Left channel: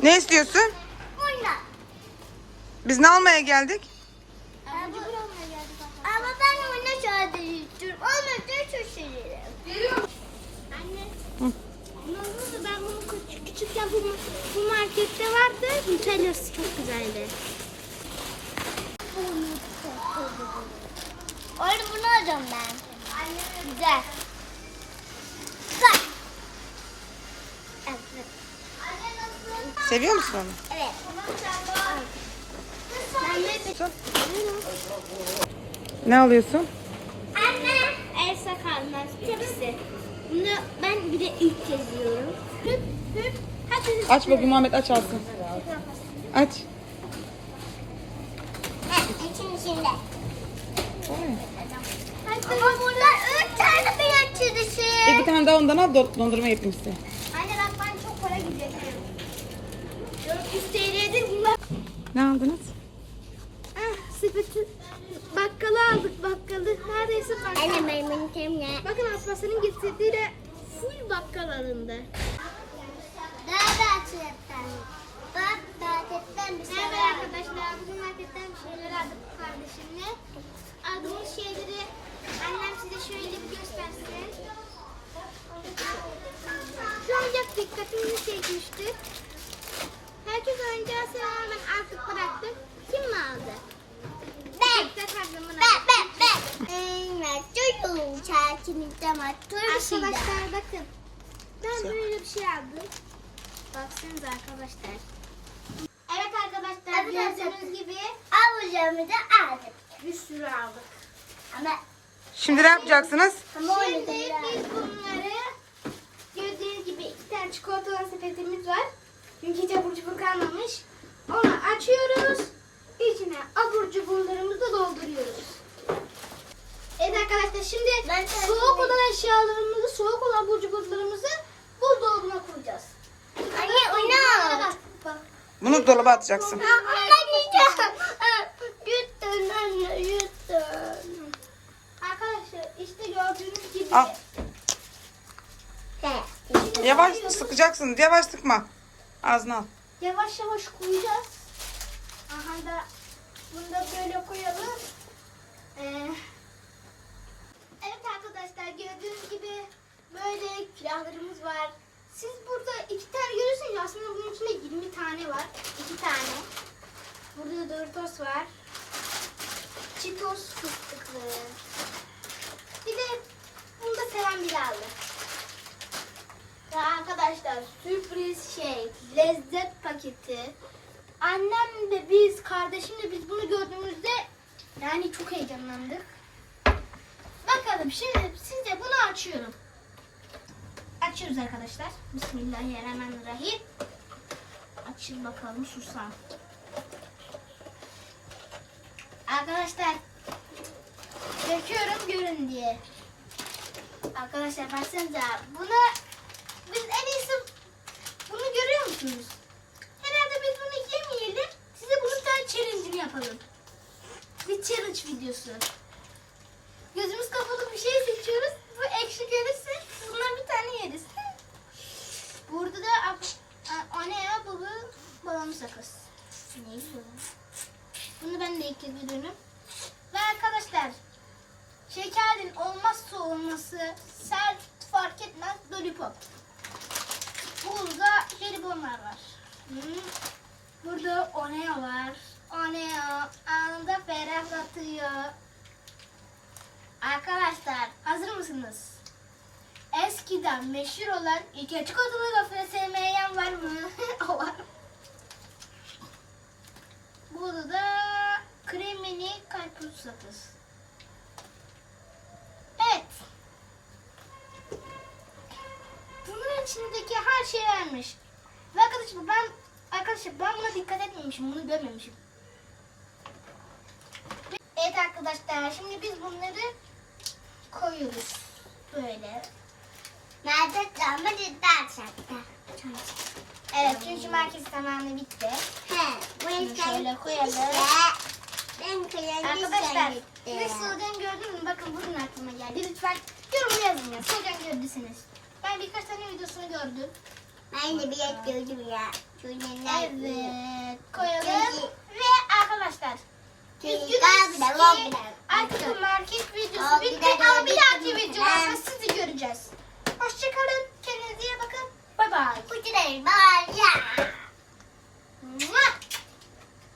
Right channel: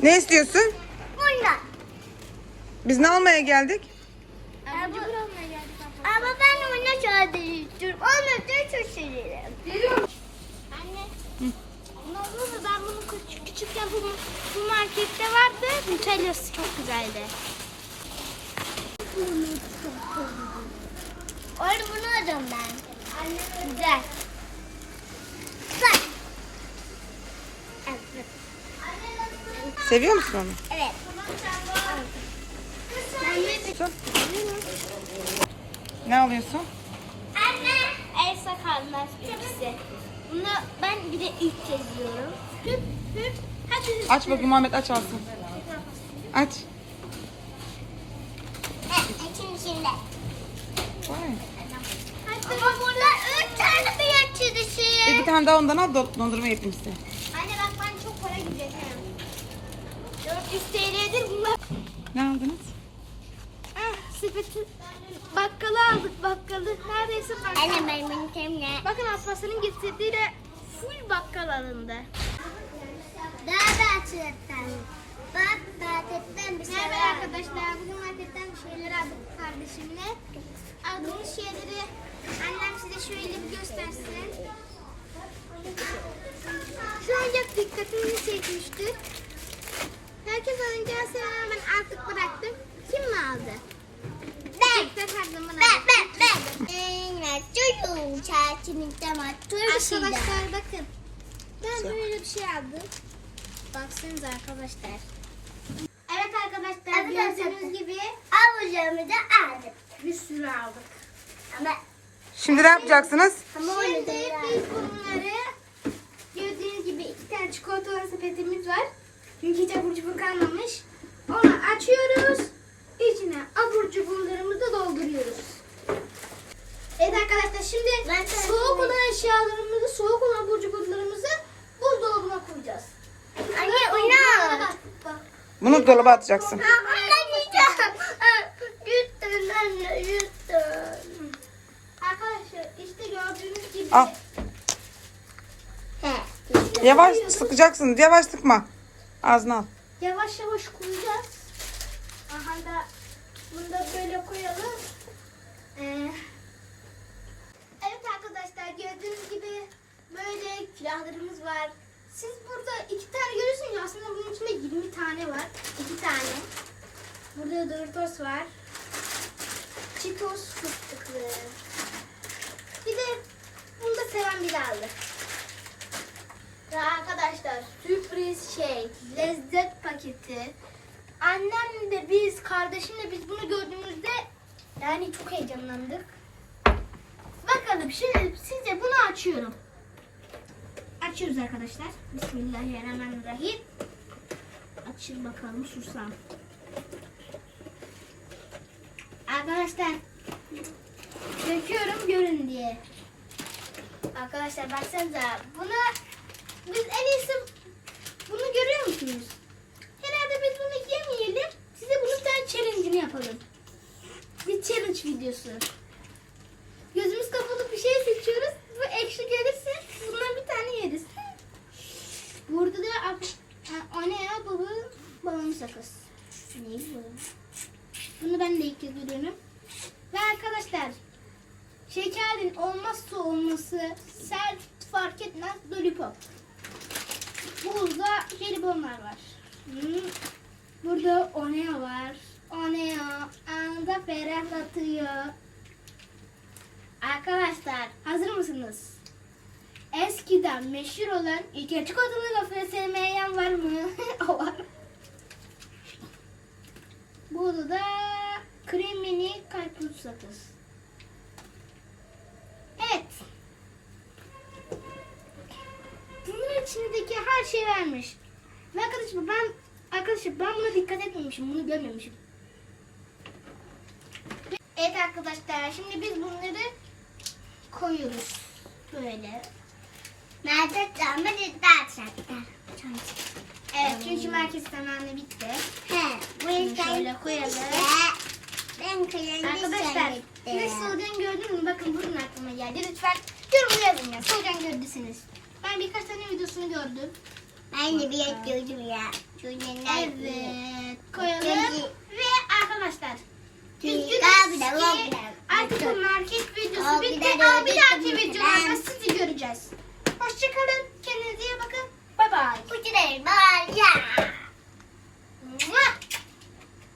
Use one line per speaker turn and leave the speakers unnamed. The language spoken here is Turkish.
Ne istiyorsun?
Bunlar.
Biz ne almaya geldik?
Ama ben oyuna sadece istiyorum. Olmazsa çok severim. Anne.
Hı.
Ben bunu küçükken bu markette vardı. Nutella'sı çok güzeldi. Oğlum bunu alacağım ben. Güzel. Güzel. Evet.
Seviyor musun onu?
Evet.
Ne alıyorsun?
Anne. Elsa Kalmaz bilgisi. Bunu ben bir de ilk seviyorum. Hüp hüp. Hadi.
Aç bakayım Muhammed, aç alsın. Aç.
İçinde.
Vay.
Ama burada 3 tane beyaz çizgisi.
Bir tane daha ondan al, dondurma yapayım size.
Anne bak ben çok para giderim. 400 TL'dir bunlar.
Ne aldınız?
Sepeti bakkala aldık bakkalı. Neredeyse bakkal. Anne ben bunu temle. Bakın Abbas'ın getirdiği de full bakkal alındı. Daha da açıktan. Bak marketten bir şeyler. Merhaba arkadaşlar. Bugün marketten bir şeyler aldık kardeşimle. Aldığımız şeyleri annem size şöyle bir göstersin. Şu oyuncak dikkatimi çekmişti. Herkes oyuncağı seven, ben artık bıraktım. Kim mi aldı? Ben. Arkadaşlar bakın. Ben böyle bir şey aldım. Baksanıza arkadaşlar. Evet arkadaşlar gördüğünüz gibi avucumuzu aldık. Bir sürü aldık. Ama
Şimdi ne yapacaksınız?
şimdi biz bunları gördüğünüz gibi 2 tane çikolatalı sepetimiz var. Çünkü hiç abur cubur kalmamış. Onu açıyoruz. İçine abur cuburlarımızı dolduruyoruz. Evet arkadaşlar şimdi soğuk olan eşyalarımızı, soğuk olan abur cuburlarımızı buzdolabına koyacağız. Anne oyna.
Bunu dolaba atacaksın.
Arkadaşlar işte gördüğünüz gibi.
Al. Yavaş sıkacaksın. Yavaş sıkma. Ağzına al.
Yavaş yavaş koyacağız. Aha da bunu da böyle koyalım. Evet arkadaşlar gördüğünüz gibi böyle külahlarımız var. Siz burada 2 tane görüyorsunuz. Aslında bunun içinde 20 tane var. 2 tane. Burada Doritos var. Cheetos fıstıklı. Bir de bunu da seven biri aldı. Ve arkadaşlar sürpriz lezzet paketi. Annem de biz, kardeşimle biz bunu gördüğümüzde yani çok heyecanlandık. Bakalım şimdi size bunu açıyorum. Açıyoruz arkadaşlar. Bismillahirrahmanirrahim. Açın bakalım susam. Arkadaşlar döküyorum görün diye. Arkadaşlar baksanıza bunu biz en iyisi bunu görüyor musunuz? Herhalde biz bunu yemeyelim. Size bunun bir tane challenge'ını yapalım. Bir challenge videosu. Gözümüz kapalı bir şey seçiyoruz. Bu ekşi gelirse bundan bir tane yeriz. Burada da o ne ya baba? Babamın sakız. Neydi bu? Bunu ben de ilk kez görüyorum. Ve arkadaşlar şekerin olmazsa olması sert fark etmez lollipop. Burada jelibonlar var. Burada Oneo var. Oneo anında ferahlatıyor. Arkadaşlar hazır mısınız? Eskiden meşhur olan iki çikolatalı gofret sevmeyen var mı? O var. Burada da kremini karpuz sakız. Evet. Bunun içindeki her şey vermiş. Ve arkadaşlar ben buna dikkat etmemişim. Bunu görmemişim. Evet arkadaşlar şimdi biz bunları koyuyoruz. Böyle.
Market ama cidden
Evet çünkü market zamanı bitti.
Bu
Bunu
yüzden
şöyle koyalım.
ben kıyafet
Arkadaşlar siz solucan gördünüz mü? Bakın bugün aklıma geldi. Lütfen yorum yazın ya. Solucan gördüyseniz. Ben birkaç tane videosunu gördüm.
Ben de bir yapıyordum ya. Çocuklar.
Evet. Koyalım. Ve arkadaşlar.
Çünkü
Artık bu market videosu bitti ama bir dahaki videolarda sizi göreceğiz. Hoşçakalın. Kendinize iyi bakın. Bye bye.
Kutuları bağıracağım.